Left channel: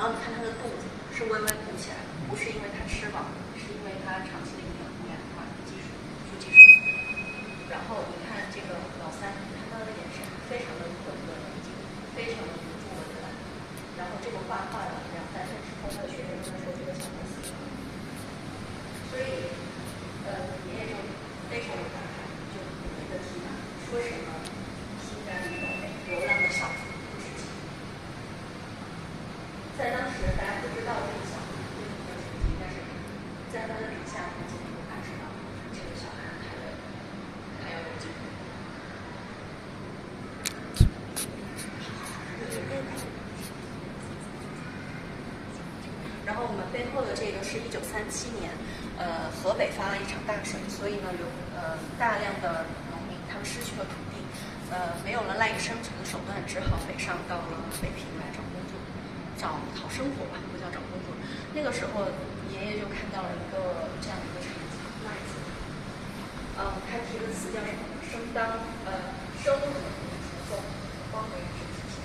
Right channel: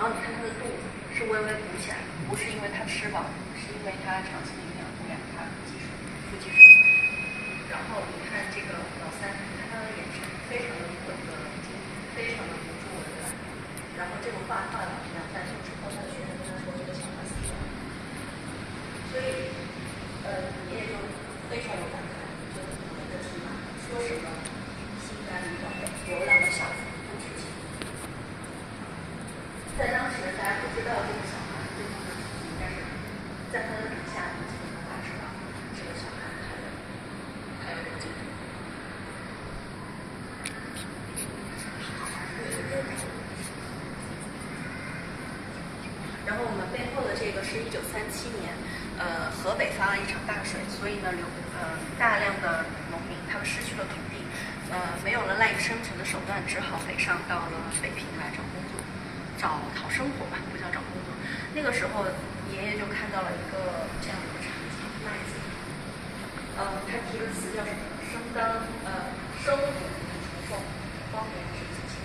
然后你看它的肚子是微微鼓起来的，不是因为它吃饱，是因为它长期的营养污染，它腹积水。然后你看这个老三，看他的眼神非常的稳的冷静，非常的不住我的。然后这个画了2、3岁之后，他的学生跟他说这个小孩死了。所以，爷爷就非常有感慨，就每个是说什么心甘情愿，流浪的小孩不值钱。在当时大家不知道这个小孩对他的处境，但是在他的笔下，你就能感受到这个小孩还有人性。然后我们背后的这个是1937年，河北发了一场大水，所以呢大量的农民他们失去了土地，没有了赖以生存的手段，只好北上到了北平来找工作，讨生活吧，不叫找工作。那个时候爷爷就看到了一个这样的一个场景，麦子，他提的词叫什么？生活承受，光明是自信，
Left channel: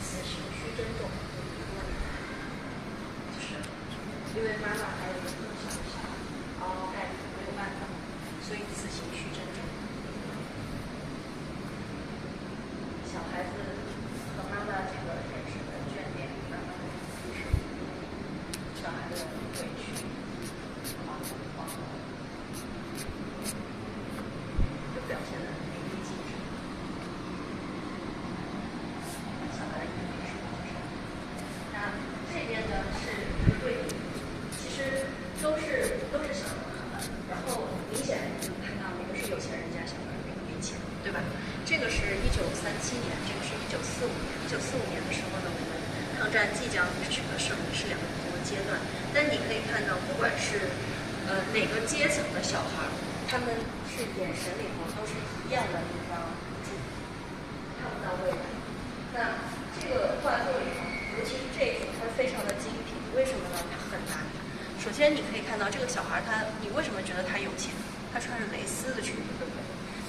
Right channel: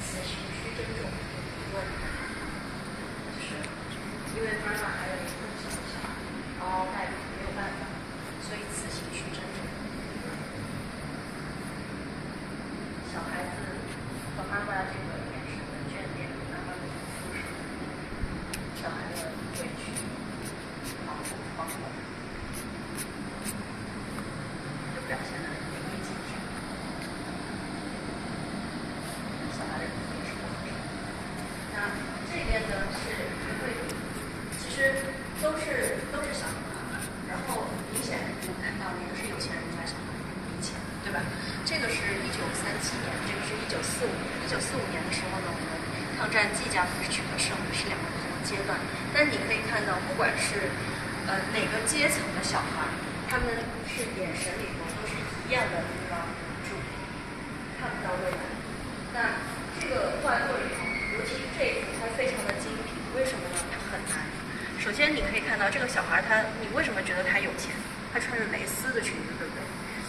此情须珍重，不问。就是因为妈妈还有一个更小的小孩，嗷嗷待哺没有办法，所以此情须珍重。小孩子和妈妈这个眼神的眷恋，慢慢的复述小孩的委屈、惶恐、惶恐，就表现得很淋漓尽致。小孩的眼神是那这边呢是一个绘图，其实都是小孩，然后明显你看到一个是有钱人家小孩没钱，对吧？这个是1937年，这个是1945年。1945年的时候呢，我们抗战即将取得胜利，是2个不同的阶段。但你可以看到，不管是哪个阶层的小孩，他们是眼神里头都是一样的那个注，看不到未来。那这个画作里头，尤其是这一幅，它非常的精品，为什么呢？它很难。首先你可以看到这个小孩，你为什么觉得他有钱？他穿着蕾丝的裙子，对不对？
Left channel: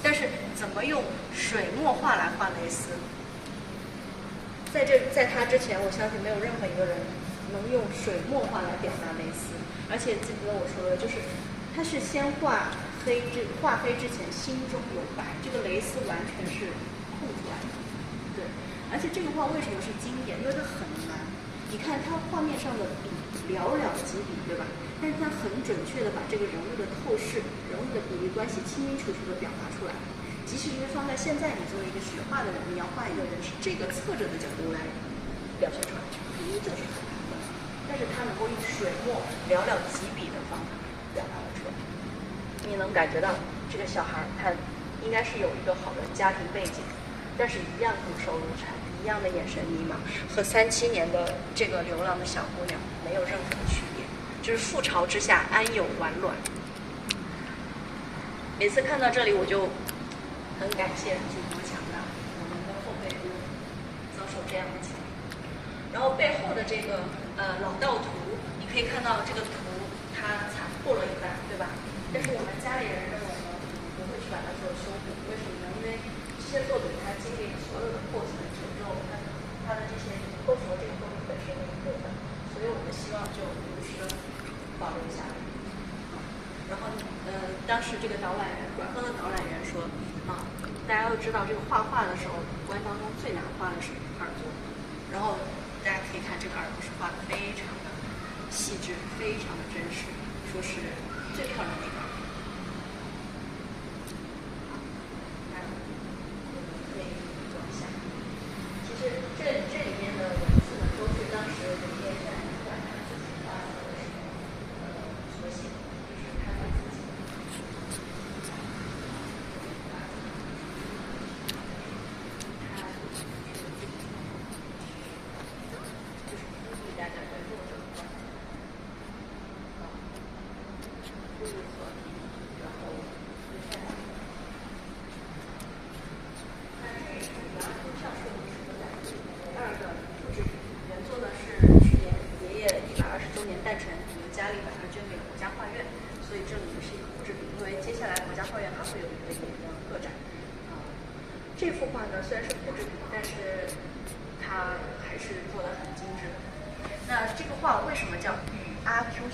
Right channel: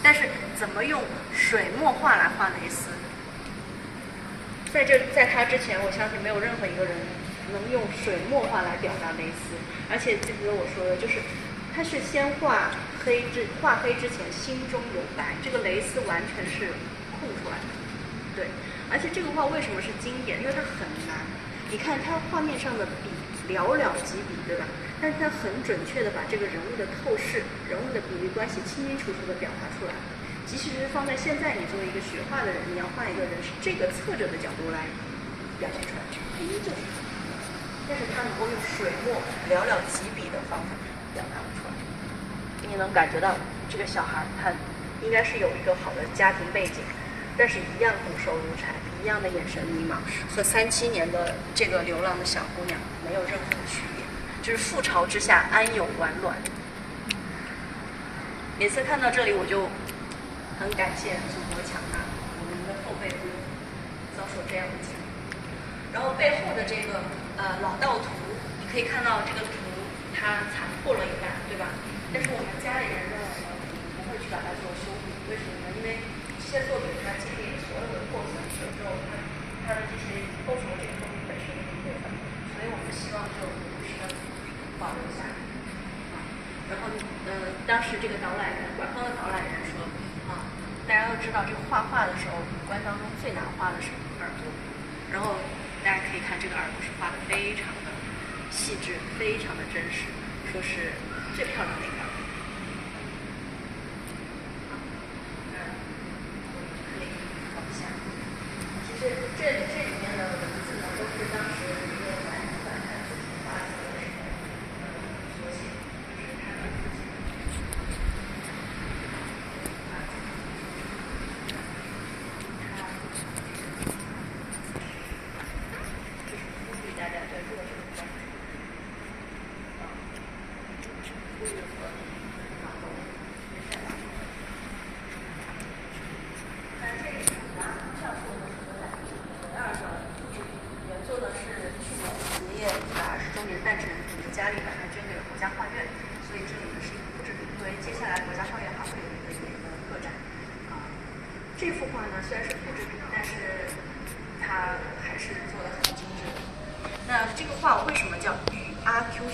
但是怎么用水墨画来画蕾丝？在他之前，我相信没有任何一个人能用水墨画来表达蕾丝。而且记得我说的，就是他是先画黑之前心中有白，这个蕾丝完全是空出来的。对，而且这个画为什么是经典？因为它很难。你看它画面上的笔寥寥几笔，对吧？但是它很准确的把这个人物的透视、人物的比例关系清清楚楚的表达出来。即使是放在现在，你作为一个学画的人，你要画一个人是这个侧着的角度来表现出来，它依旧是这样。但是他能够用水墨寥寥几笔的方法表达了出来。你能感觉到这个小孩他应该是有一个好的家庭背景，但是一样骨瘦如柴，一样的眼神迷茫，和37年的这个流浪的小姑娘没有任何的区别，就是覆巢之下安有完卵。每次看到这里，我就很感谢祖国强大，我们的后辈不用遭受这样的境遇。然后背后的这个老道图，你可以看到这个图它残破了一半，对吧？但是我们家里人认为呢，不会去把它做修补，为什么呢？因为这些作品它经历了所有的破损，有时候它的这些构成了这个作品本身的一部分，所以我们希望就如实的保留下来。然后当时这个官方的导览员说大家都知道这个画画的时候，五官当中最难画的是耳朵，然后大家可以看这个耳朵是画的非常的细致，非常的真实，说是最漂亮的一个耳朵。可以往下，其实这里面的文字呢，都是当时一个自己画的时候所写，就是他对自己。大家对弱者的关爱，呼吁和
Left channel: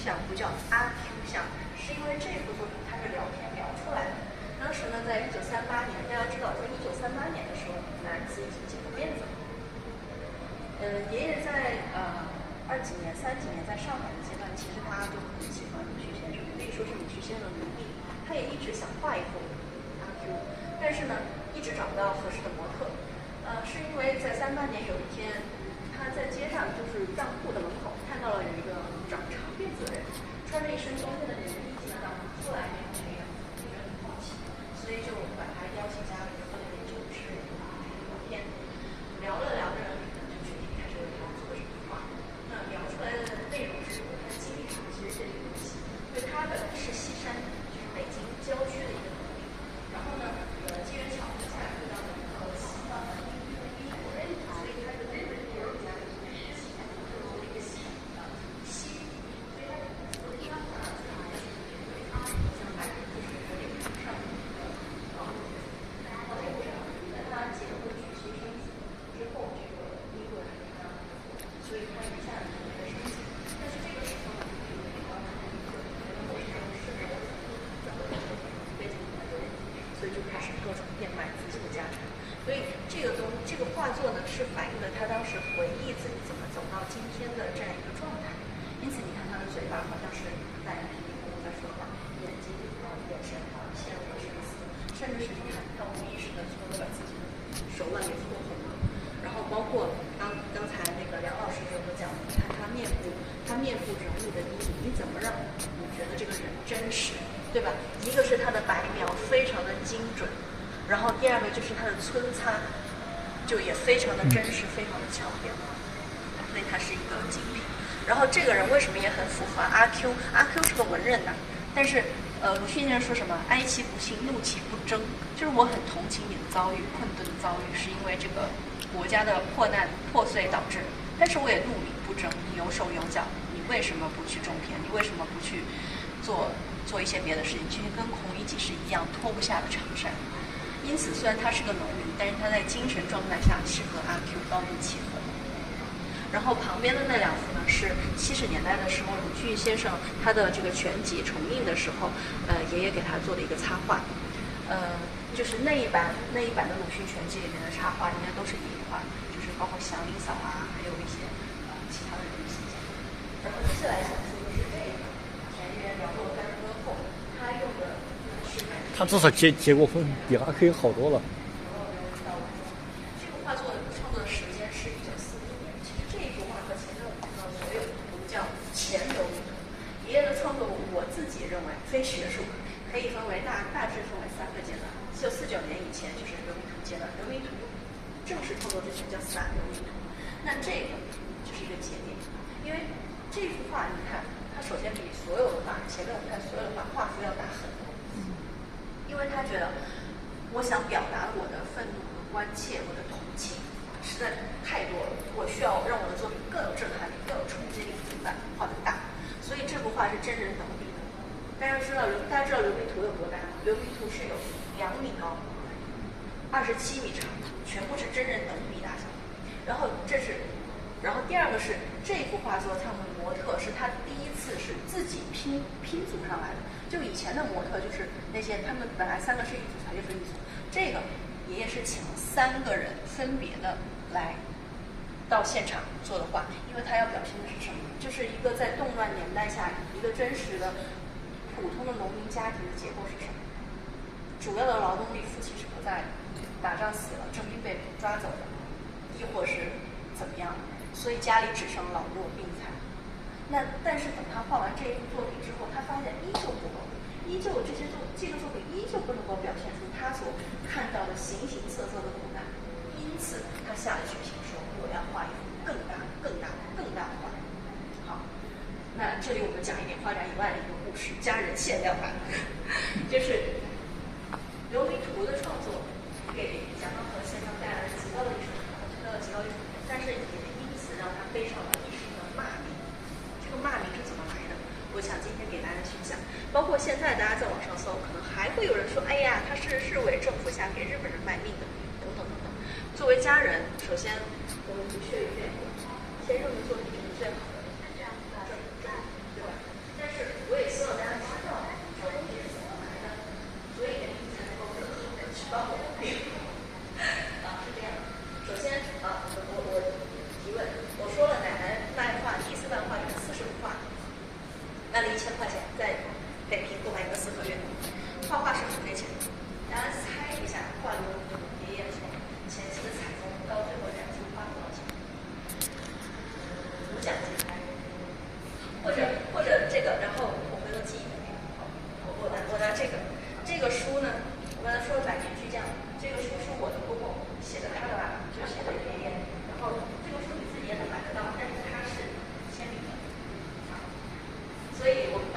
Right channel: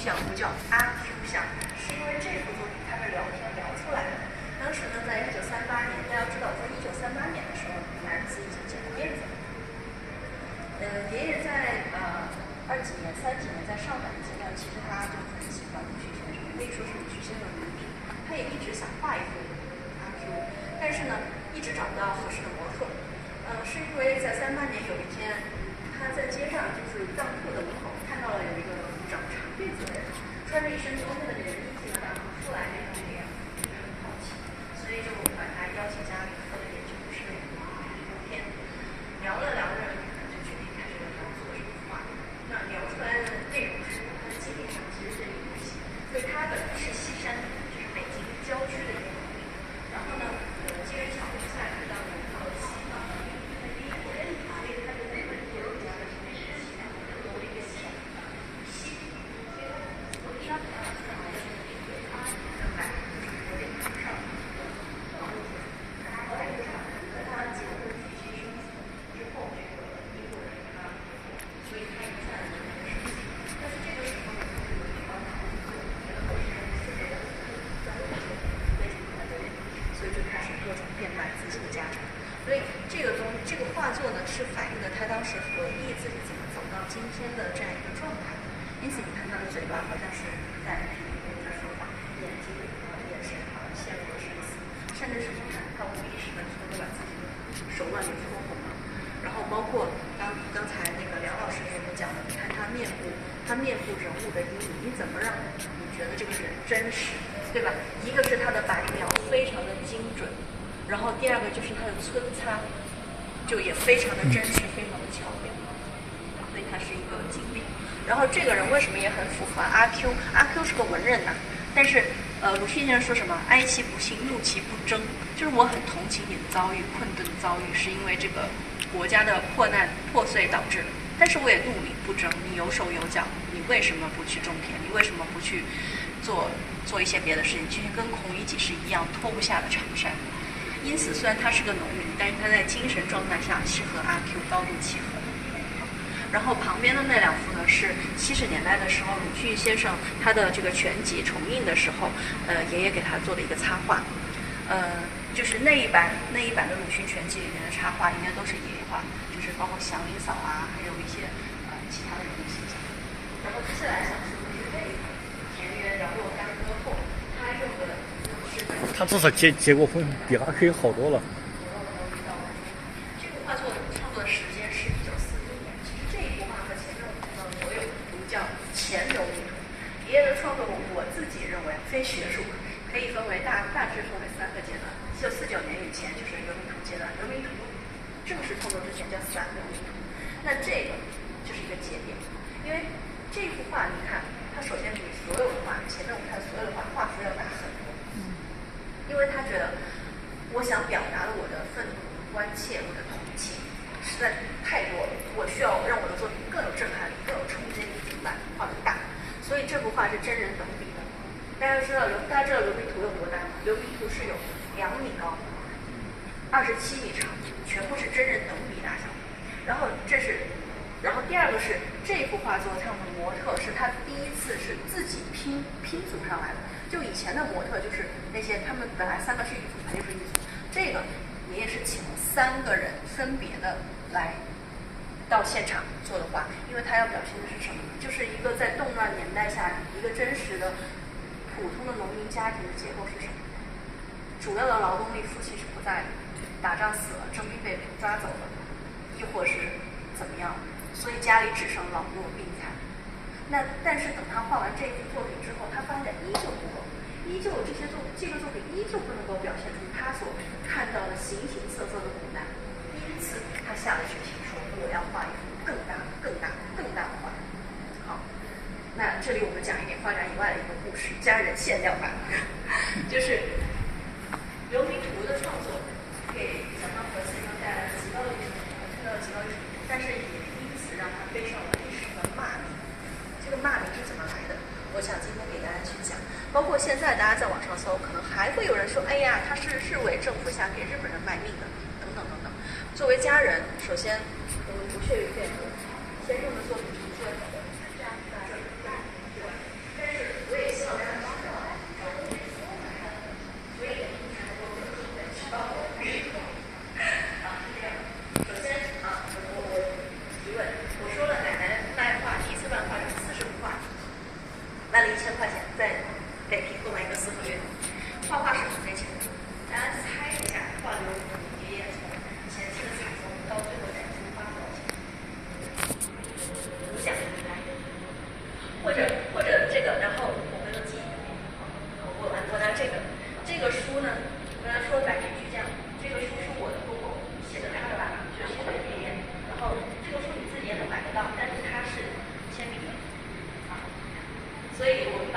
像不叫阿 Q 像，是因为这幅作品它是聊天聊出来的。当时呢，在1938年，大家知道，在1938年的时候，男子已经剪了辫子。爷爷在20几年、30几年在上海的阶段，其实他就很喜欢鲁迅先生，可以说是鲁迅先生的奴隶。他也一直想画一幅阿 Q， 但是呢，一直找不到合适的模特。是因为在38年有一天，他在街上就是当铺的门口看到了有一个长长辫子的人，穿着一身冬天的连衣服呢，当出来变成这个样子，就很好奇，所以就把他邀请家里做研究室聊天，聊着聊着，就决定开始为他做这幅画。那聊出来的内容是他的经历上其实是有关系，就他本来是西山，就是北京郊区的一个农民，然后呢，机缘巧合下遇到了西藏的第一国，所以他就在这个家里面做一个西西，我第二天上来就是有点上，后来就在他结婚娶妻生子之后，这个英国人他所以他一下就有了生气，但是这个时候我们就有很多觉得我是是为了专为为什么他这个，所以就开始各种变卖自己的家产。所以这个画作呢，是反映了他当时回忆自己怎么走到今天的这样一个状态。因此，你看他的嘴巴好像是在在说话，眼睛眼神陷入了深思，甚至是你看他无意识的搓了把自己的手腕给搓红了。然后包括刚才那个梁老师给我们讲的，你看他面部人物的阴影，你怎么让你觉得这个人真实，对吧？一个是他的白描非常的精准。然后第二个就是它的皴擦，就也非常的真实，非常的巧妙，所以它是一个精品。然后这个人为什么也很符合阿 Q？ 阿 Q 是个文人呐，但是鲁迅先生说什么？哀其不幸，怒其不争，就是我很同情你的遭遇，困顿的遭遇，是因为这个国家的破难破碎导致的。但是我也怒你不争，你有手有脚，你为什么不去种田？你为什么不去做一些别的事情？去跟孔乙己是一样脱不下的长衫。因此，虽然他是个农民，但是他在精神状态上是和阿 Q 高度契合的。然后旁边的那两幅呢，是70年代的时候鲁迅先生他的这个全集重印的时候，爷爷给他做的一个插画。就是那一版的鲁迅全集里面的插画，应该都是爷爷画的，就是包括祥林嫂啊，还有一些其他的人物形象。然后接下来想说的是这个田园，然后干戈后，他用的是他至少结过婚，比阿 Q 好多了。这个画作创作时间是1941年。其实这一幅画和前面我有图叫前流民图。爷爷的创作，我自己认为非学术，可以分为大致分为3个阶段。就49年以前就是流民图阶段，流民图正式创作之前叫散流民图。那这个就是一个节点，因为这幅画你看，它首先比所有的画，前面我们看所有的画幅要大很多。因为他觉得，我想表达的我的愤怒、关切、我的同情，实在太多了。我需要让我的作品更有震撼力、更有冲击力，把画得大。所以这幅画是真人等比的。大家知道流民图有多大吗？流民图是有2米高，27米长，全部是真人等比大小。然后第二个是这幅画作上的模特是他第一次是自己拼组上来的。就以前的模特就是那些他们本来3个是一组，他就是一组。这个爷爷是请了3个人分别的来到现场做的画，因为他要表现的是什么？就是一个在动乱年代下一个真实的普通的农民家庭的结构是什么？主要的劳动力夫妻是不在的，打仗死了，征兵被抓走了，亦或是怎么样？所以家里只剩老弱病残。但是等他画完这一幅作品之后，他发现依旧不够，这个作品依旧不能够表现出他所看到的形形色色的苦难，因此他下了决心说：“我要画一幅更大的画。”好，那这里我们讲一点画展以外的一个故事，家人限量版，就是流民图的创作给蒋尚和先生带来了极高的成功，但是也因此让他背上了一时的骂名。这个骂名是怎么来的？我想今天给大家去讲，包括现在大家在网上搜，可能还会有人说：“哎呀，他是日伪政府下给日本人卖命的，等等等等。”作为家人，首先我们不屑于辩论先生的作品是宣好的，对吧？但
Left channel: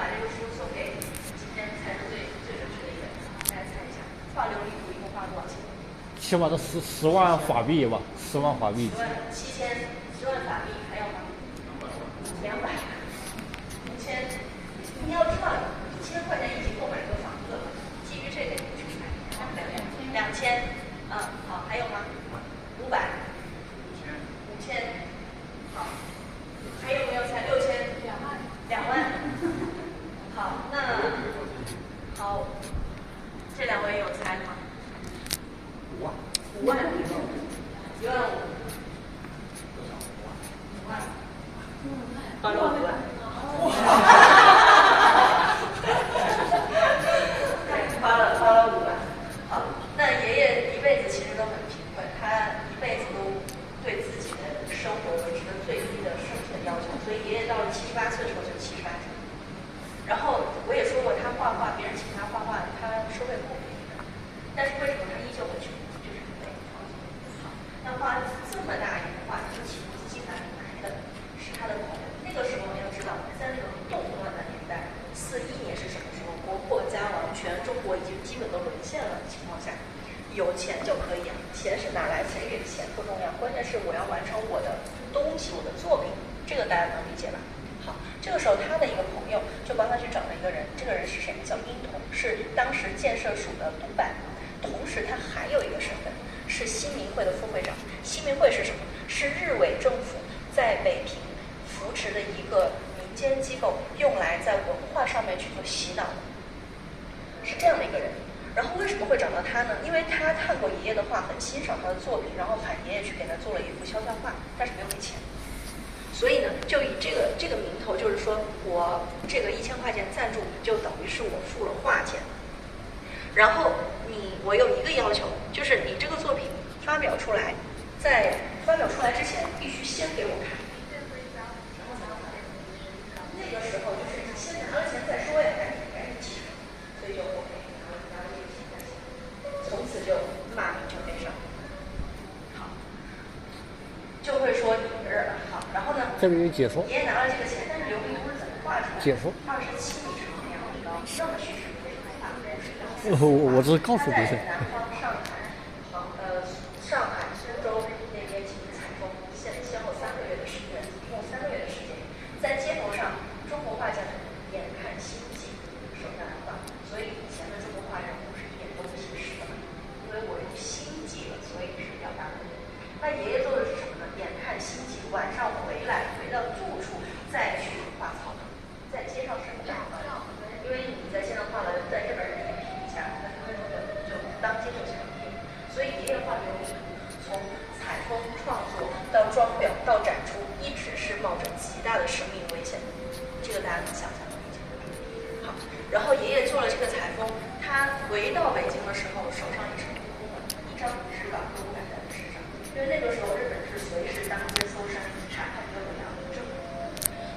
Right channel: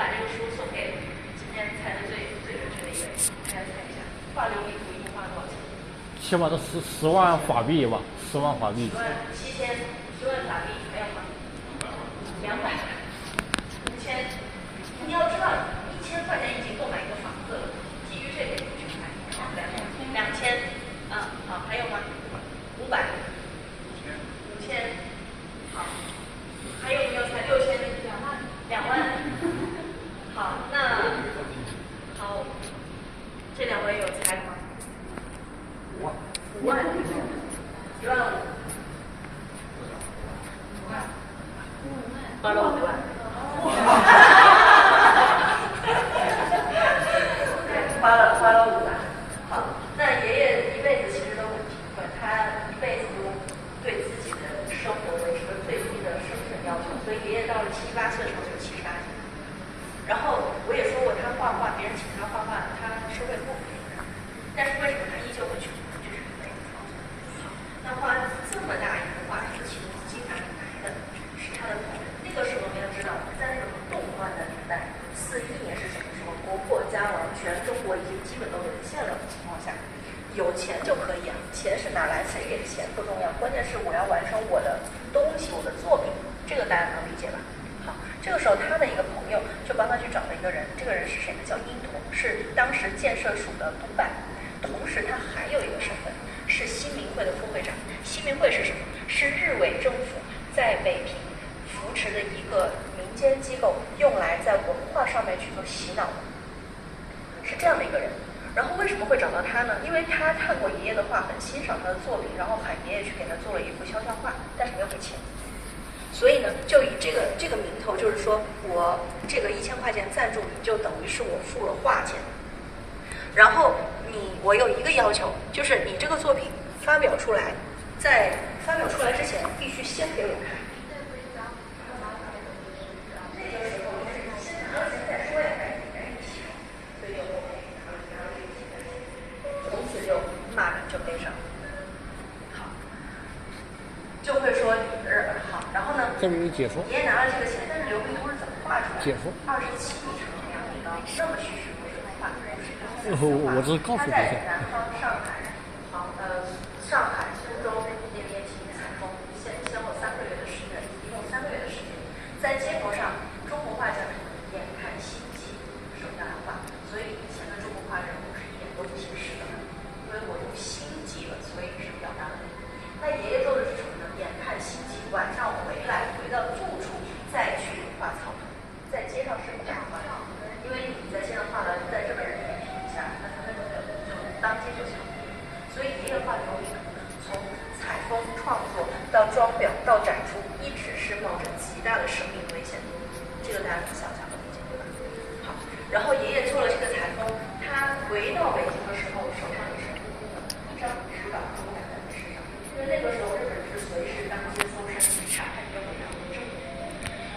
把这个书送给今天猜的最准确的一个人，大家猜一下，画琉璃图一共花了多少钱？起码都10万法币吧，10万法币。10万法币，还有吗？200、5000。你要知道，1000块钱已经购买一个房子了。基于这个，你去看，2000，好，还有吗？500、5000，好，还有没有才6000、2万？好，那好，这2位有猜的吗？5万，1万5。花了5万，花了5万。好，那爷爷一辈子其实都很贫困，他一辈子都对自己的生活维持了最低的生存要求，所以爷爷到了78岁的时候就78岁。然后我也说过，他画画，别人请他画画，他是会不赔的。但是为什么他依旧很穷？就是因为好，他画这么大一幅画，是从自己哪里来的？是他的朋友。那个时候你要知道，在那种动乱的年代，41年是什么时候？国破家亡，全中国已经基本都沦陷了的情况下，有钱就可以啊，钱是哪来？谁给的钱不重要，关键是我要完成我的东西，我的作品，这个大家能理解吧？好，这个时候他的一个朋友就帮他去找了一个人，这个人是谁呢？叫殷童，是当时建设署的督办，同时他还有一个身份是新民会的副会长。新民会是什么？是日伪政府在北平扶持的一个民间机构，用来在文化上面去做洗脑的，是这样的一个人。然后为什么会找到他呢？因为他看过爷爷的画，很欣赏他的作品，然后喊爷爷去给他做了一幅肖像画，但是没有给钱。所以呢，就以这个名头，就是说我这个1000块钱赞助你，就等于是我付了画钱。然后我有一个要求，就是你这个作品发表出来，在发表出来之前，必须先给我看。那个时候就是你先拿了钱再说呀，赶紧起床。所以就 OK，拿了这个钱，从此就骂名就背上。好，就会说好，然后呢？这边有解说。爷爷拿了这个钱，但是琉璃图是怎么画出来的？解说。27米长，2米高，那么栩栩如生的画，我这是告诉你一下。他在南方上海、苏州那边进行采风，先后3个月的时间，一共3个月的时间，在街头上，中国画家眼看星际，手下来画，所以以前的中国画人物是一点都不形式的，因为我用星际了，所以是表达的。那爷爷做的是什么呢？眼看星际，晚上回到住处，再去画草图，在街上是不敢画的，因为你在街上画了，在日本人眼皮底下，那他们就当街就枪毙了。所以爷爷画琉璃图，从采风创作到装裱到展出，一直是冒着极大的生命危险。这个大家能想象的对吧？好，然后爷爷做了这个采风，他回到北京的时候，手上也是空空的，一张纸板都不敢在身上，因为那个时候日本是随时当街搜山查看任何人的证据。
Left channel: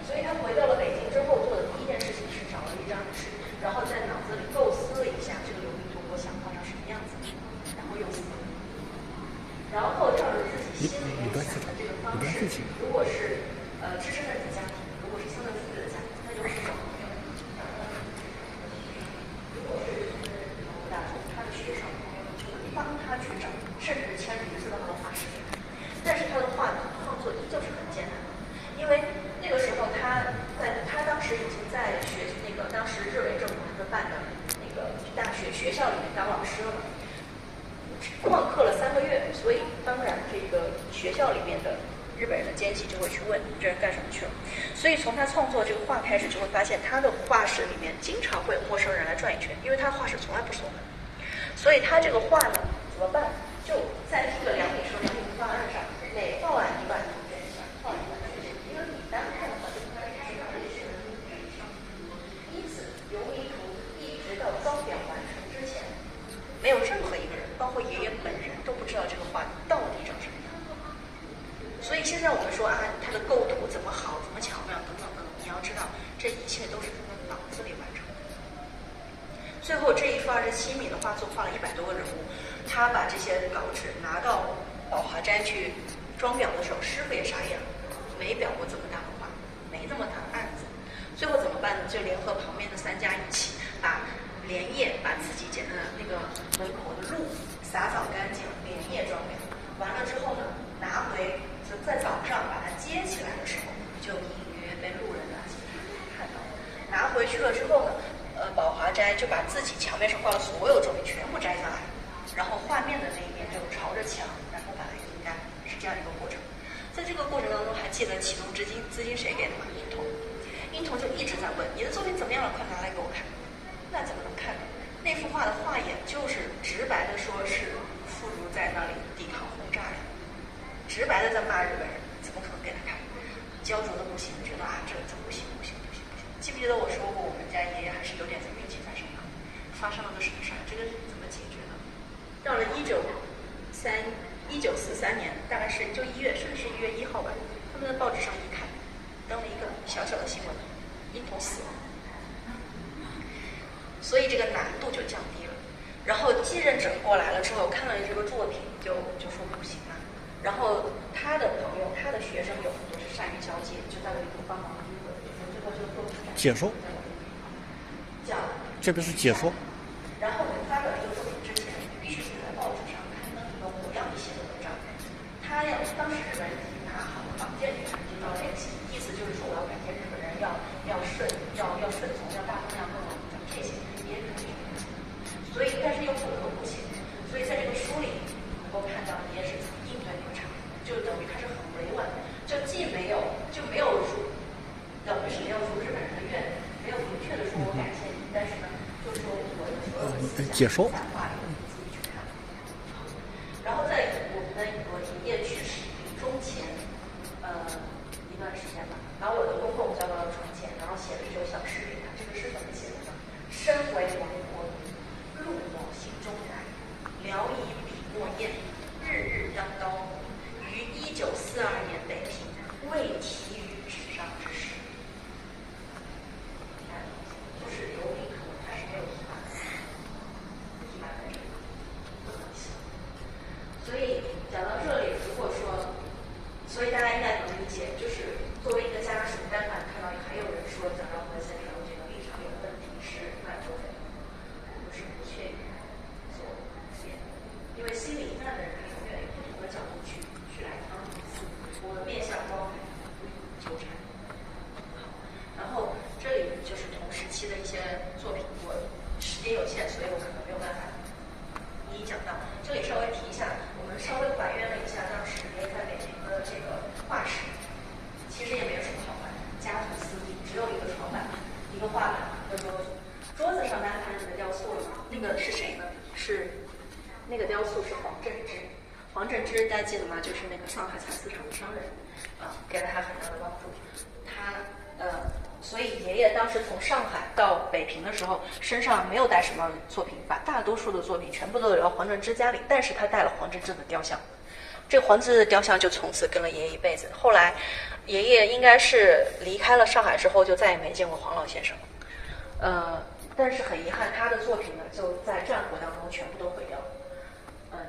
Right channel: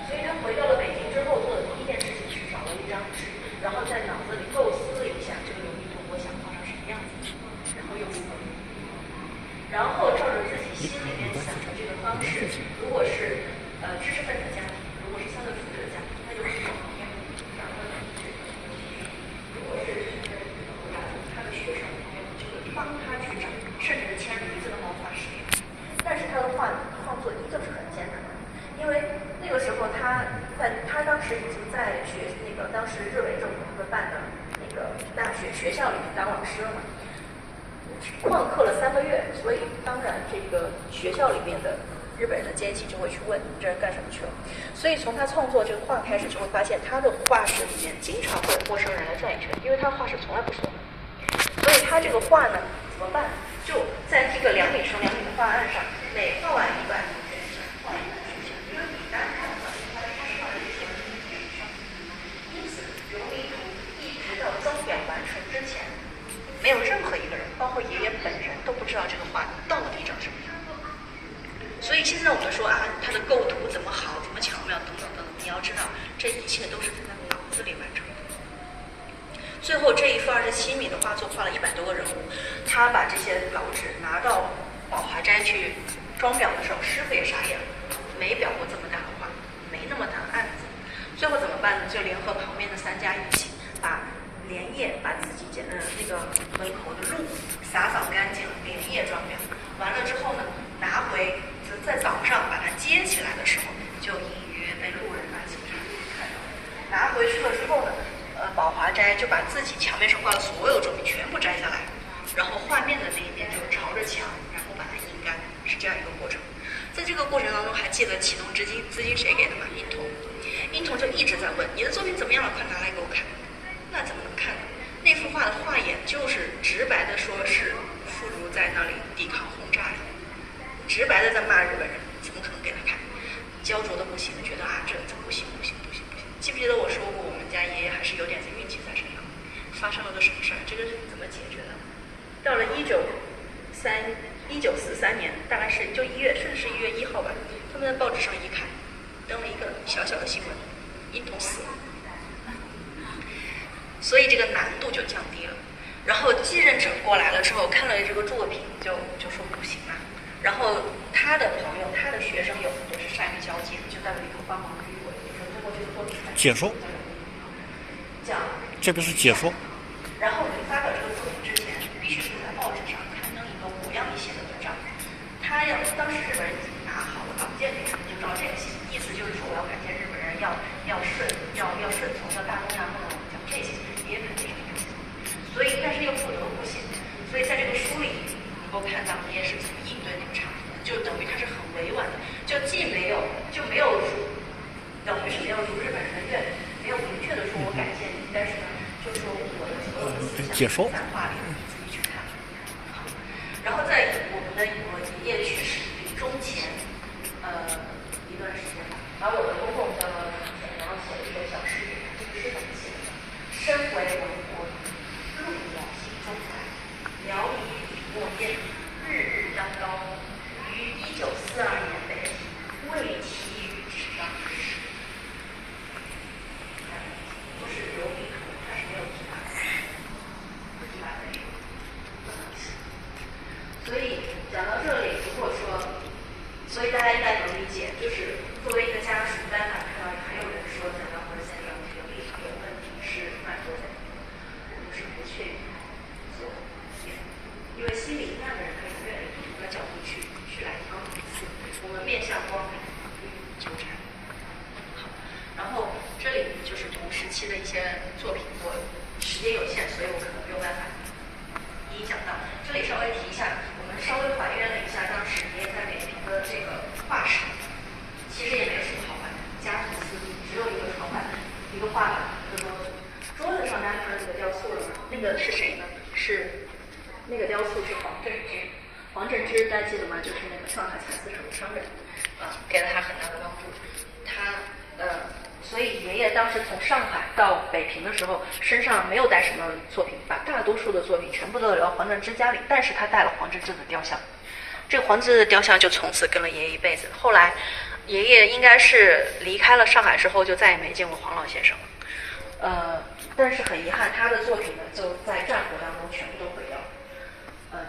所以他回到了北京之后，做的第一件事情是找了一张纸，然后在脑子里构思了一下这个琉璃图我想画成什么样子，然后用色，然后照着自己心里面想的这个方式，如果是知识分子家庭，如果是相对富裕的家庭，那就去找朋友，找他的同学；如果是大众，他的学生朋友就会帮他去找，甚至是签名字都能画10年。但是他的画创作依旧是很艰难的，因为那个时候他当时已经在当时日伪政府办的那个学校里面当老师了嘛，旷课了3个月，所以当然这个学校里面的日本人的奸细就会去问你这人干什么去了。所以从他创作这个画开始，就会发现他的画室里面经常会有陌生人来转一圈，因为他画室从来不锁门。所以他这个画呢怎么办？就在这个2米乘2米的画案上，每画完一半就可以画一半去墙，因为你单看的话，它是画的是因此琉璃图一直到装裱完成之前，没有任何一个人，包括爷爷本人都不知道这个画到底长什么样。所以现在我们说啊，他的构图怎么好，怎么巧妙，等等等等，你要知道，这一切都是在他脑子里完成的。最后这一幅27米的画作画了100多个人物，他把这些稿纸拿到宝华斋去装裱的时候，师傅也傻眼了，没裱过这么大的画，没那么大的案子。最后怎么办呢？就联合旁边家一起连夜把自己那个门口的路扫干净，连夜装裱。完了之后呢，拿回就在早上把它接起来的时候，就隐约被路人经常看到。拿回去了之后呢，宝华斋就把自己墙面上挂的所有作品全部摘下来，然后画面的那一边就朝着墙，然后把它阴干，是这样一个过程。在这个过程当中，还记得启动资金谁给的吗？殷童。殷童就一直在问你的作品怎么样了，快拿来给我看。那怎么能看呢？那幅画的画眼就是直白的说是妇孺在那里抵抗轰炸呀，直白的在骂日本人，怎么可能给他看？焦灼的不行，觉得这怎么不行。记不记得我说过，我们家爷爷还是有点运气在身上。发生了个什么事儿？这个是怎么解决的？到了1943年，大概是就1月，甚至是1月1号吧，他们在报纸上一看，登了一个小小的新闻，殷童死了。所以这个难度就降低了。然后继任者过来了之后，看了这个作品就说不行了。然后他的朋友、他的学生有很多是善于交际，就在里头帮忙追回，就说通过这个作品解说，这个是解说。然后你发表这个作品之前，必须是在报纸上刊登一个模样一些的文章。当时日本人已经拿好了稿件给他们，就照这个写，意思就是说我要感谢日本人，要顺从，要大东亚共荣，讲这些也肯定是。所以，但是又不得不写。所以在这个书里，能够看到也是怎么应对那个场景，就等于他是很委婉的，就既没有等于是没有如日本人的愿，没有明确的说我感谢你，但是呢，就说我的所有的思想解说在画里，你自己去看。然后在我们的爷爷去世临终前，一段时间吧，然后我的公公叫我传简，然后写了一首小诗给他。这个诗怎么写的？身为亡国，路我心中来，辽夷笔墨变，日日登高。于1942年北平，为题于纸上之诗。不是留笔头，它是没有题板的，所以讲到这里，如果说，所以大家应该能理解，就是作为一个家属，单单看到还有人说蒋兆和先生这个立场有问题是蛮多的，我们是不确定所言，因为心里一样的人可以从越来越不同的角度去来帮我们面向光明纠缠。然后这里就是同时期的一些作品，我时间有限，所以我可能没有办法一一讲到。这里稍微提一下，我们稍微还原了一下当时爷爷在北平的这个画室，其实也没有什么好玩的，家徒四壁，只有一个床板，一个画板和桌子。桌子上大家看到那个雕塑了吗？那个是谁呢？是那个雕塑是黄振之。黄振之大家记得吗？就是那个上海蚕丝厂的商人，给了他很大的帮助。所以爷爷当时从上海到北平的时候，身上没有带什么作品，把大多数的作品全部都留到黄振之家里，但是他带了黄振之的雕像。这个黄振之的雕像就从此跟了爷爷一辈子。后来，爷爷应该是离开了上海之后，就再也没见过黄老先生了。但是很遗憾，他的作品呢，就在战火当中全部都毁掉了。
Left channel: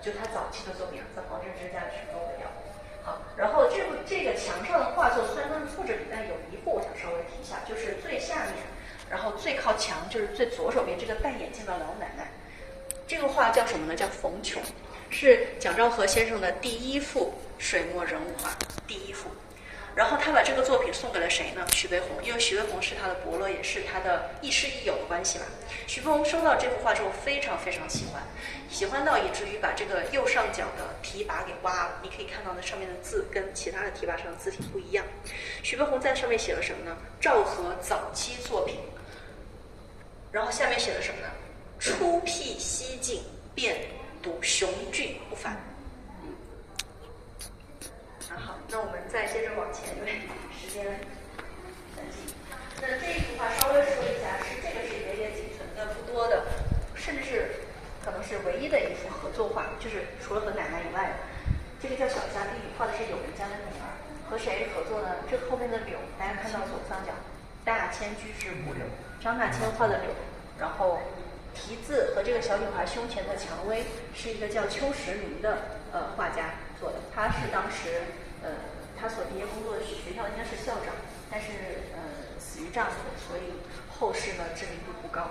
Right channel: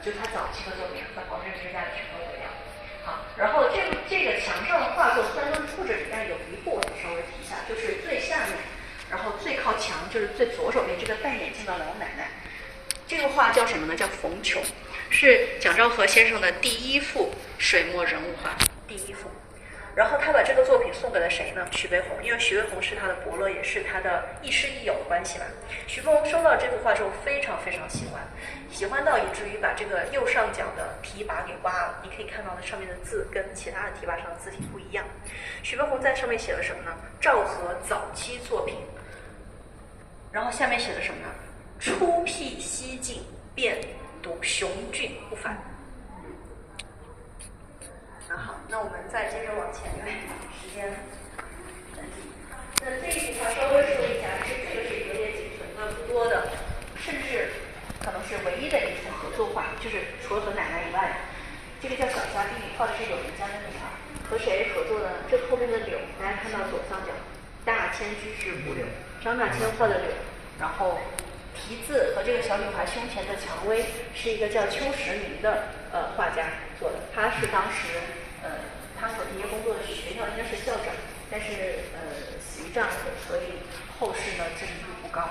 就他早期的作品，在黄振之家里全都毁掉了。好，然后这个墙上的画作虽然都是复制纸，但是有一部我稍微提一下，就是最下面，然后最靠墙，就是最左手边这个戴眼镜的老奶奶。这个画叫什么呢？叫冯琼，是蒋兆和先生的第一幅水墨人物画，第一幅。然后他把这个作品送给了谁呢？徐悲鸿，因为徐悲鸿是他的伯乐，也是他的亦师亦友关系嘛。徐悲鸿收到这幅画之后非常非常喜欢，喜欢到以至于把这个右上角的题跋给挖了。你可以看到的上面的字跟其他的题跋上的字体不一样。徐悲鸿在上面写了什么呢？赵和早期作品。然后下面写了什么呢？初辟西晋，便睹雄峻不凡。好，那我们再接着往前，因为时间很紧。那这一幅画稍微说一下，这个是爷爷仅存的不多的，甚至可能是唯一的一幅合作画，就是除了和奶奶以外，这个叫小家弟，画的是友人家的女儿，和谁合作呢？这后面的柳，大家看到左上角，大千居士古柳，张大千画的柳，然后题字和这个小女孩胸前的蔷薇是一个叫邱石民的画家做的，他是当时他所毕业工作的学校应该是校长，但是死于战火，所以后世呢知名度不高。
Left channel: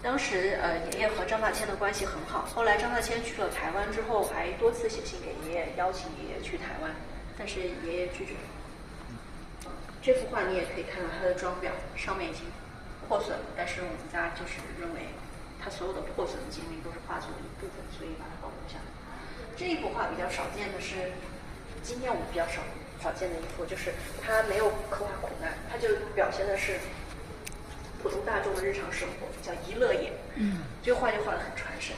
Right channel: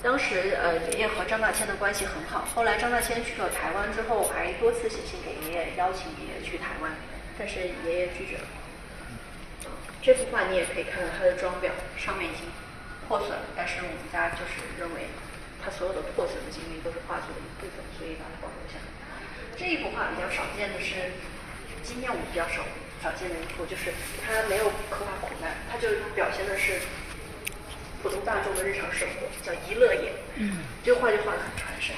当时爷爷和张大千的关系很好，后来张大千去了台湾之后，还多次写信给爷爷，邀请爷爷去台湾，但是爷爷拒绝了。这幅画你也可以看到它的装裱上面已经破损了，但是我们家就是认为它所有的破损的经历都是画作的一部分，所以把它保留下来。这一幅画比较少见的是，今天我们比较少见的一幅，就是它没有刻画苦难，它就表现的是普通大众的日常生活，叫一乐也。这个画就画得很传神。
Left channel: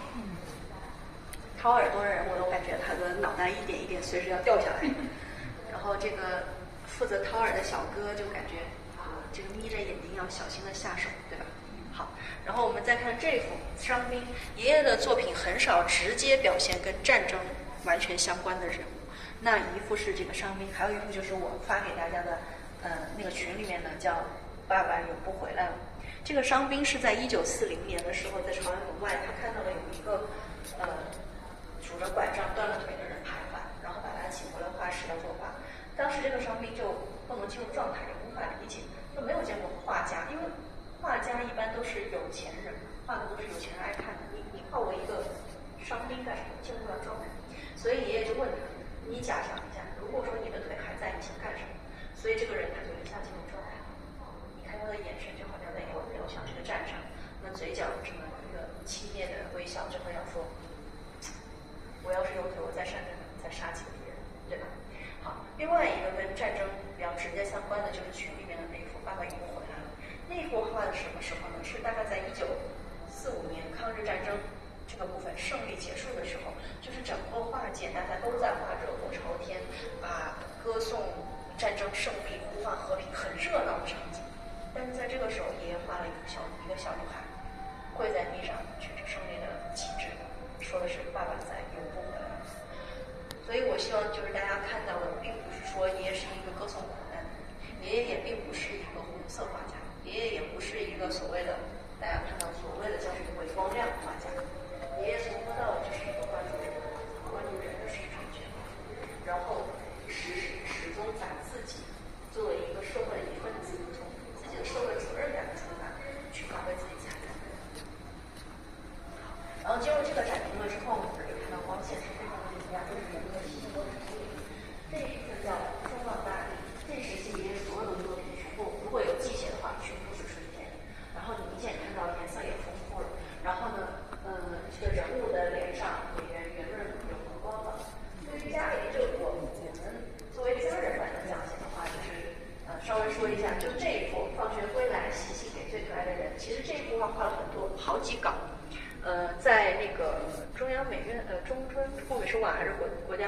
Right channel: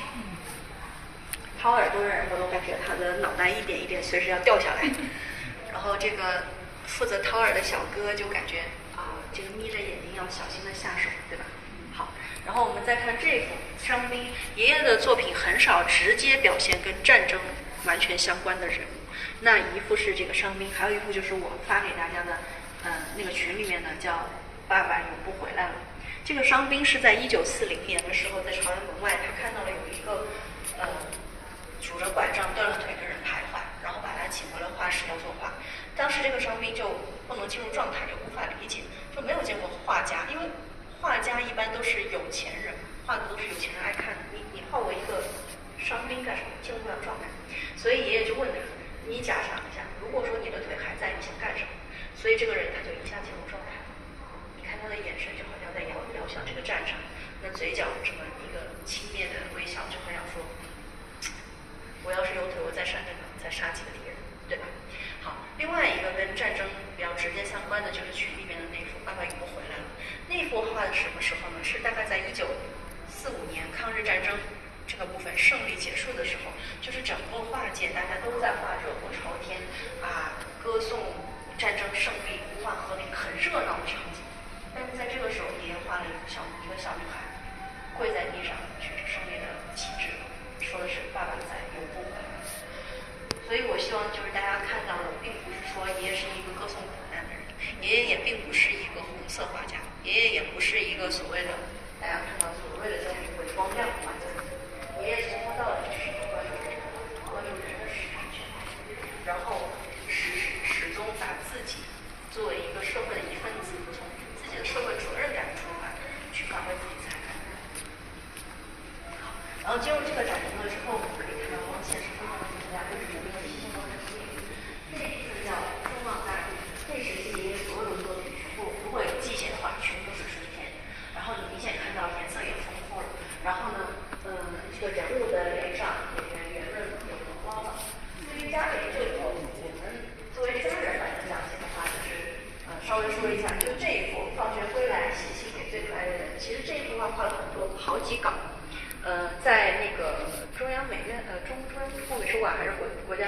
掏耳朵的人，我都感觉他的脑袋一点一点随时要掉下来。然后这个负责掏耳的小哥就感觉这个眯着眼睛要小心的下手，对吧？好，然后我们再看这幅伤兵。爷爷的作品很少直接表现跟战争完全相关的人物。那一幅是这个伤兵，还有一幅就是我发给大家的，那个群里面的叫“爸爸永不回来了”。这个伤兵是在1940年的时候，在朝阳门外，他看到了有一个拄着拐杖、断了腿的人徘徊，然后把他请回了画室要作画。当时这个伤兵就不能进入状态，也无法理解，就没有见过画家，因为画家一般都是有钱人，画的都是有钱人爱看的。你画我一个伤兵干什么？进入不了状态。所以爷爷就问他：“你假想一下，如果说你的腿还在，你想干什么？”所以这个人他就一下进入状态。你看他的眼神就好像在遥想这个战场，那嘴角这么一个轻蔑的微笑，就好像说：“我要是有腿，我再杀几个敌人，对吧？”好，另外一个跟战争比较直接相关的就是群里面的那幅《爸爸永不回来了》。那幅画的什么时候呢？是大概在1945年抗日战争这个部分胜利结束的时候，就是整个画界大家都在画热火朝天歌颂战争胜利、呼唤和平，很热闹的场景。但是在这个时候，爷爷画了一个小女孩跪在地上，举着胜利的旗帜，说的是“爸爸在，永不回来”。所以我希望就是大家看到的，并不是说爷爷是一个歌颂苦难的人，爷爷也并不是一个红色画家，爷爷也不是一个所谓的大家看到所谓的叫什么光亮画家。爷爷从头到尾就是一个关注人的市场权，然后始终把自己作为一个社会的一份子，从自己的社会责任感出发，去发挥自己才干。然后进入这个展厅了之后，我们可以看到光线是非常的明亮，就是我们的提醒都很注意。这一部分叫中望大地，这时期爷爷所有的作品全部如果有季节的话，全部都是春天。然后你明显看到颜色也丰富了。然后呢，这个人物的脸上也圆润有红光了。对于家人这一幅，我们作为家人来讲的话，就是稍微说一下，就这一幅放学归来，写信给最可爱的人。其实这一幅画画了好几稿。在那个中央美院中专或者是还是国家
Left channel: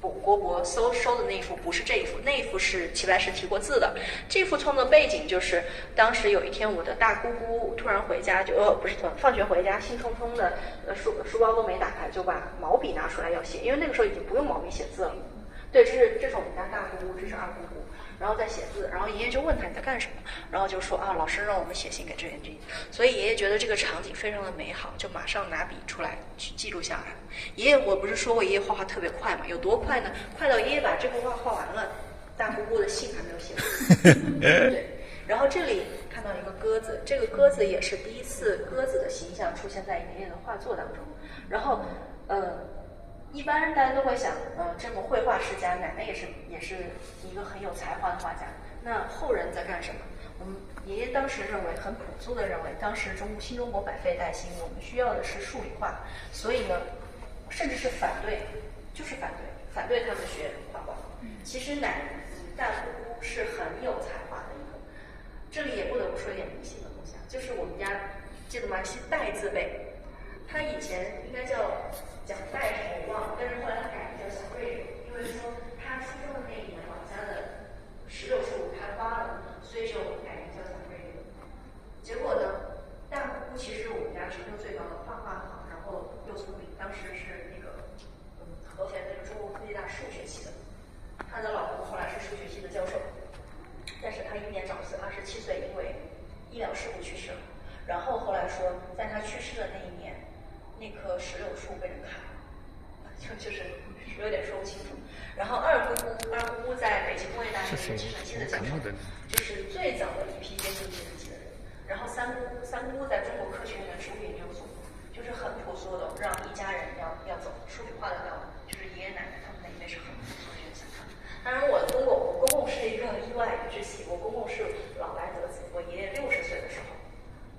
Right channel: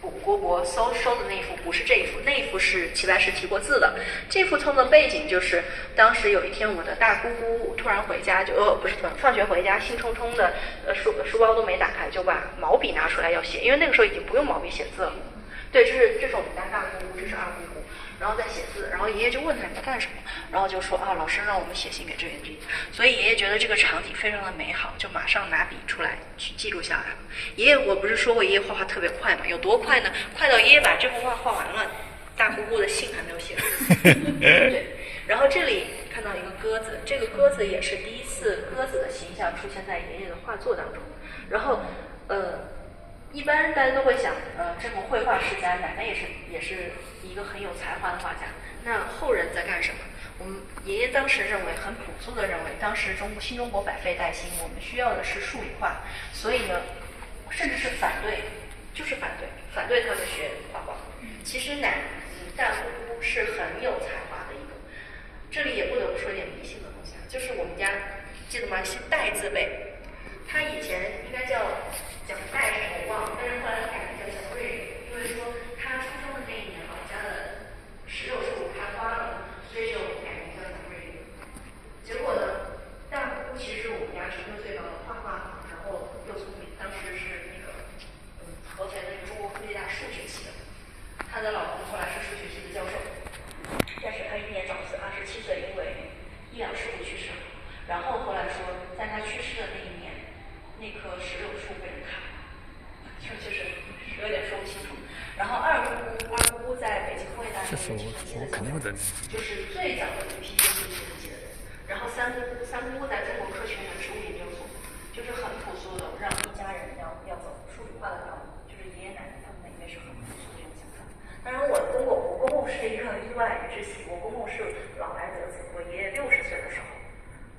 国收的那一幅不是这一幅，那一幅是齐白石题过字的。这幅创作背景就是当时有一天我的大姑姑突然回家，放学回家，兴冲冲的书包都没打开，就把毛笔拿出来要写，因为那个时候已经不用毛笔写字了。对，这是我们家大姑姑，这是二姑姑，然后在写字，然后爷爷就问他你在干什么，然后就说老师让我们写信给志愿军，所以爷爷觉得这个场景非常的美好，就马上拿笔出来去记录下来了。爷爷，我不是说过爷爷画画特别快吗？有多快呢？快到爷爷把这幅画画完了，大姑姑的信还没有写完。对，然后这里看到一个鸽子，这个鸽子也是第一次鸽子的形象出现在爷爷的画作当中。然后一般大家都会想，这么绘画世家，奶奶也是一个很有才华的画家。那后人在干什么？我们爷爷当时认为，很朴素的认为，当时新中国百废待兴，我们需要的是数理化，所以呢，甚至是反对他们学画画。其实大姑姑是很有才华的一个，这里也不得不说一点迷信的东西，就是我们家记得吗？姓戴字辈，他以前应该叫蒋戴什么我忘了，但是后来他改名叫蒋瑞人，因为说他出生的那一年老家的石榴树开花了，所以就改名叫蒋瑞人。结果呢，大姑姑其实我们家成就最高的，画画好，然后又聪明，当时是那个合肥的中国科技大数学系的，他的老公后来是数学系的教授，但是他英年早逝，27岁因为医疗事故去世了。然后后来说，在他去世的那一年，那棵石榴树被人砍了，就是有点说不清楚。然后二姑姑在北京工业大学计算机的教授，就是最早的一批姑在中国科学院的植物研究所，就是很朴素的，让一家人要走数据化的道路，就是爷爷奶奶他们那一辈是很朴素的想法。当然，我公公是一个意外之喜，我公公是老来得子，我爷爷60岁的时候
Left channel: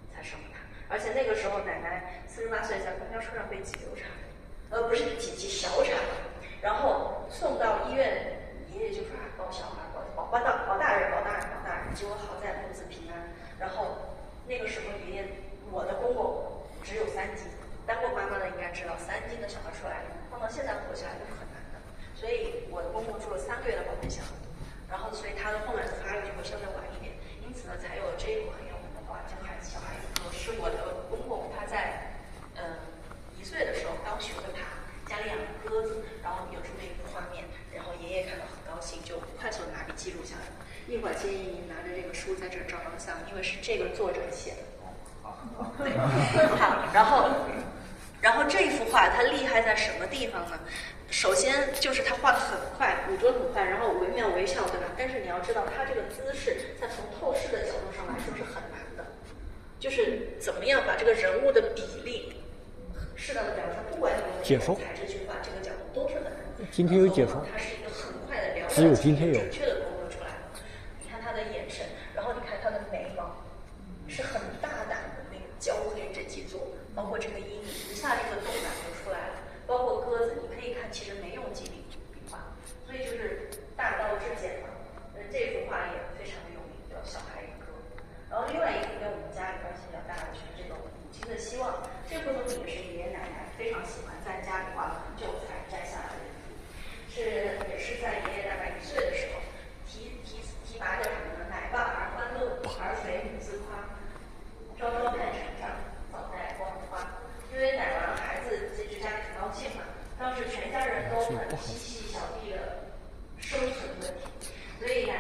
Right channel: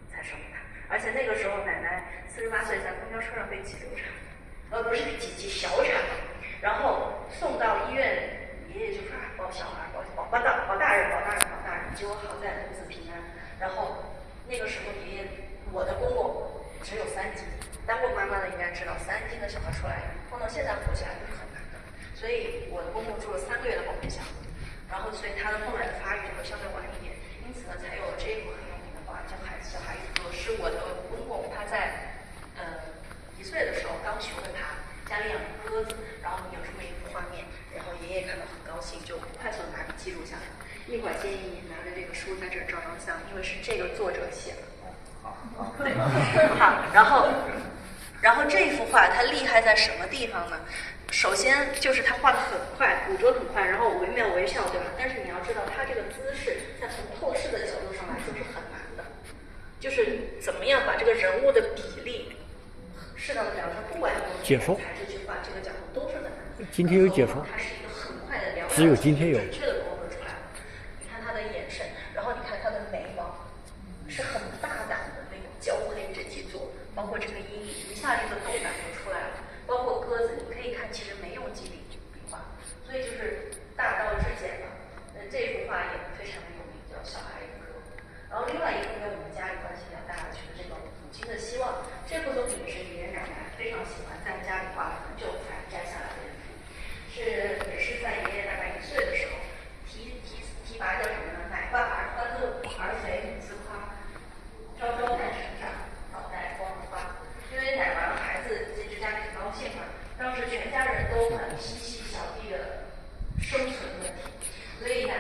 才生的他，而且那个时候奶奶48岁在公交车上被挤流产，不是挤小产，然后送到医院，爷爷就说保小孩，保大人，结果好在母子平安。然后那个时候爷爷，我的公公只有3斤，当过妈妈的应该知道，3斤的小孩出来放到现在活起来都是很难的，所以我的公公住了3个月的保温箱，然后所以他的后来的发育就会相对晚一点，因此呢才有了这一部很有名的话叫小孩与歌，是我的公公他在1岁的时候刚学会爬，家里养了鸽子，然后有这么一幅画面，然后爷爷看到很高兴，就快速的拿笔记录下来。一会儿建议您拿着这个书在这儿照张相，因为是这个作者写的。对，好，然后这幅画它厉害在什么地方呢？首先就是他画的很快，捕捉很快，然后惟妙惟肖，对吧？但是你要知道，他这个姿势在从透视的角度上来说是很难的，就是怎么样把这个人物的比例适当的表现，不管你用什么材质去画，这个角度都是很难的。今天有解说，它是一个很快的描述，只有今天有准确的勾勒出来的。你看他的眼神，然后你看他的眉毛，是很大胆的那种焦黑整体做，包括这个阴影，一下这个动感就出来了。包括鸽子，你可以看，其实没用几笔画，所以就是大道至简嘛。这幅画也非常的有名，叫《小孩与歌》。然后另外一幅跟我们家里关系比较大的，就是这个母亲的希望。这幅作品是爷爷奶奶非常喜欢，在家里画了很久才摘下来的一幅，也是在爷爷大概1岁的时候，提拔叫什么呢？奶爸儿欢乐，儿肥母自夸，朝朝看成长，早待光花。因为奶娃孩子这家里很高兴嘛，当时全家人都很嬉戏小弟的生存问题，所以奶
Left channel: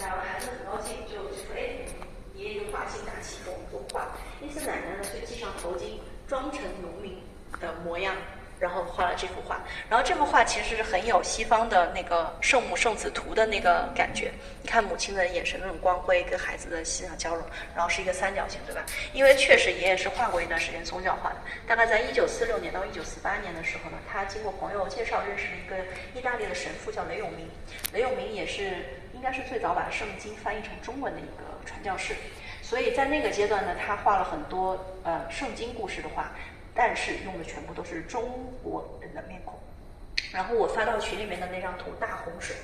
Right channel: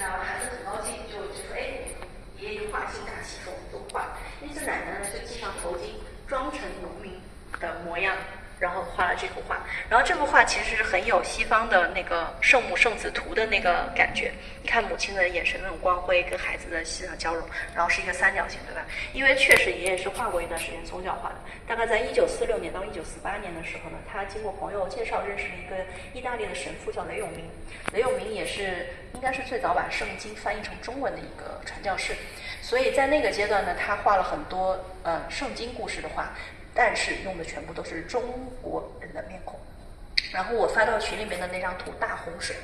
娃孩子很高兴，就说哎，爷爷就画心大气给我们作画。因此奶奶呢就系上头巾，装成农民的模样，然后画了这幅画。然后这幅画其实是很有西方的那个圣母圣子图的那个感觉。你看母亲的眼神那种光辉跟孩子的思想交融，然后是一个3角形，对吧？因为确实爷爷是画过一段时间宗教画的，大概在1946年到1948年的时候呢，他经过朋友介绍认识了一个意大利的神父叫雷永明。雷永明也是应该是最早把圣经翻译成中文的一个传教士，所以在那个阶段呢，他画了很多圣经故事的画，但是用的全部都是中国人的面孔。然后我发到群里面的那张图大洪水，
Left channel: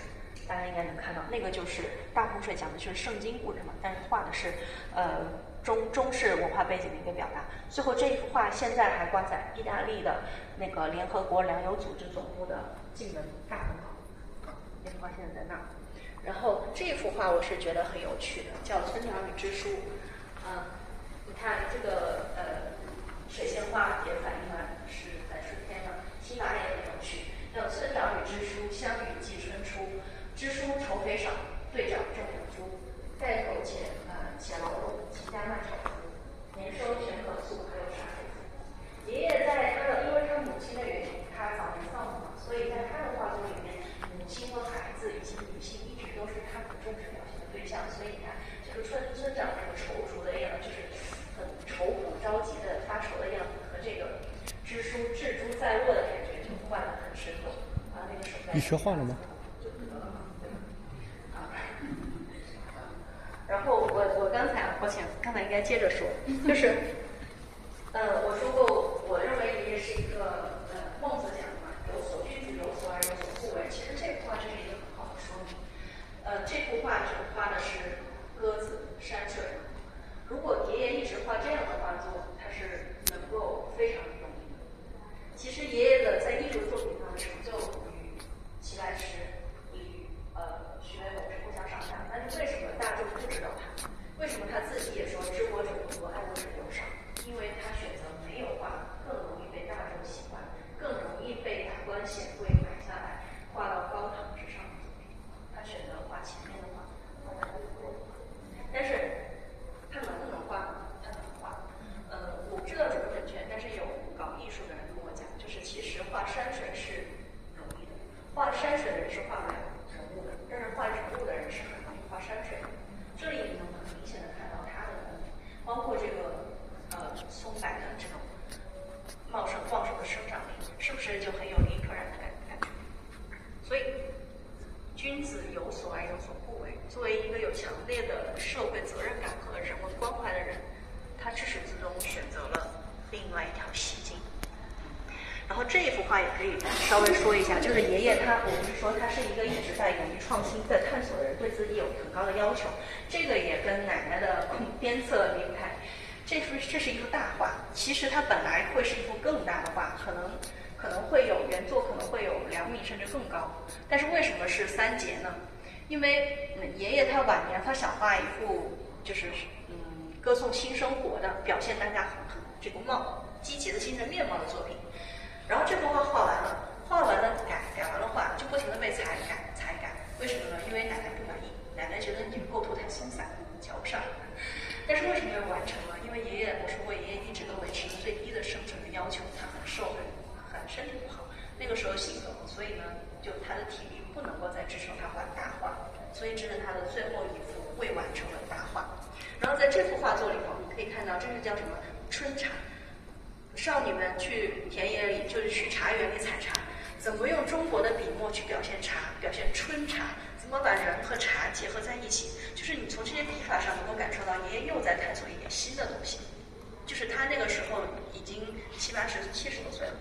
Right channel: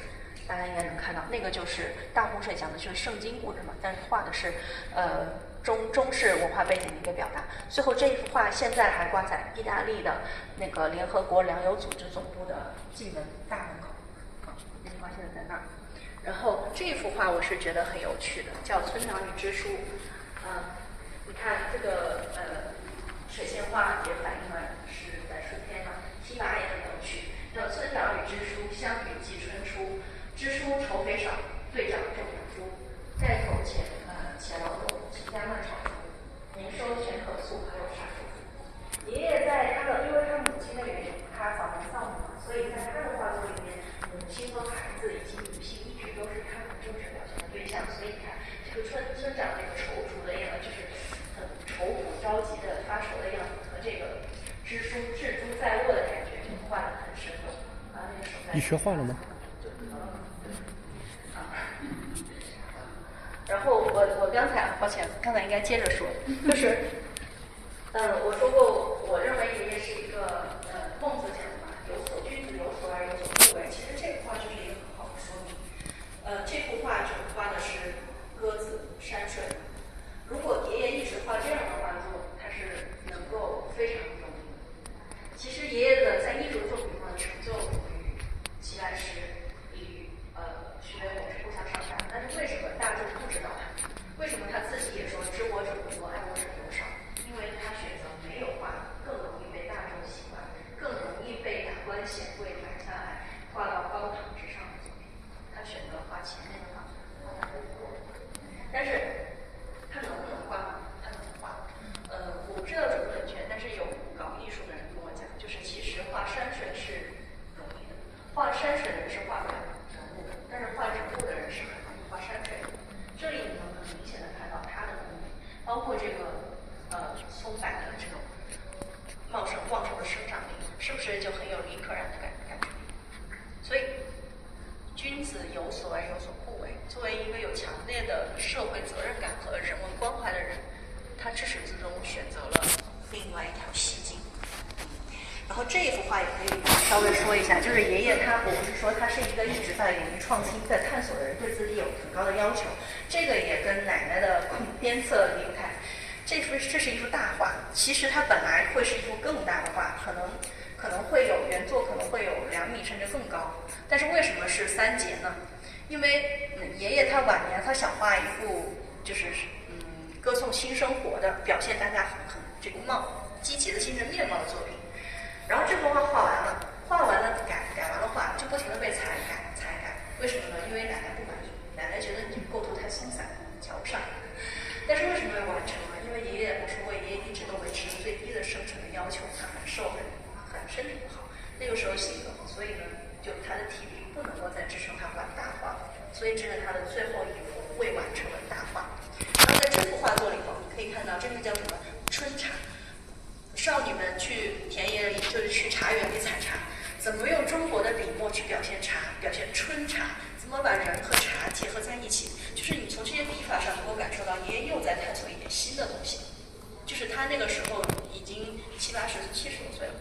大家应该能看到，那个就是大洪水讲的就是圣经故事嘛，但是画的是中式文化背景的一个表达。最后这一幅画现在还挂在意大利的那个联合国粮油组织总部的进门大门口，这幅画现在在那儿。然后这幅画我是觉得很有趣的，叫《村长与支书》。你看这个水仙花也反映了是在春天嘛，题跋也很有趣，叫村长与支书，相与季春初。支书愁肥少，队长种养猪，带头且劳动，勤加慢炒猪，年收全可粟，还有啥收入？爷爷在因为他母亲的原因，他早年丧母嘛，所以在他的画作里面，母亲和孩子以及女性一直都是他很重视表现的对象。所以你看，这个村长那个踌躇的样子，就是很愁苦着急的发愁的样子，和这个支书置诸在握的感觉，画得很生动。那个手在。你学画了吗？然后我刚才抱歉，刚才应该接着说，就是我说过，我认为爷爷是一个孟子讲的嘛，君子有所而有所不为。其实这幅画就是一个很好的说明。这幅画就画的是鸽子山水。如果爷爷一直画这样的画作，他是能够非常有名的。其实爷爷的在艺术作品上的成就与齐白石、与徐悲鸿是不相上下。但是为什么大众不知道他？为什么他自己也说知我者多，爱我者尤少？因为他选择没有画更容易被大众喜欢、更容易被达官显贵买下来、画到高堂之上的作品。他选择画前面的画，但是他能不能画呢？他能画。我不知道准不准确，但是有搞艺术的人跟我讲，就是其实画山水是容易的，画山水的人是画不了人物的，但是画人物的话也可以稍微说一下，就是爷爷我们是说他是一个一直在勇于创新的探索的人，对自己有很高的要求，这个也跟奶奶的鞭策离不开。这是一幅大画，其实它本来会是一幅更大的画，可能会有原作可能会有2米甚至更高，但是为什么是3节呢？因为爷爷他晚年他想画一幅就是歌颂新生活的，表现大家很这个积极的新人面貌的作品。然后这幅画画完了改完了画，就不停的被裁改。为什么呢？因为奶奶不满意，奶奶觉得你构图太松散，瞧不上。但是为什么又完成了？因为我说过，爷爷一直都维持最低的生存的要求，他很瘦，很身体不好。那个时候性格嘛，所以呢，就他的体力不能够再支撑他画大画，所以这是他的最后一幅未完成的大画。然后在这幅画作里头，你可以看到这是叫什么春茶。少女们去田野里，就是去茶园里采茶，怎么用中国的笔墨去表现茶，表现春茶，怎么把人和茶结合在一起，就是你从这些笔法上能够感受到爷爷又在探索一点新的东西，就是他那个时候已经70、80、70多岁了。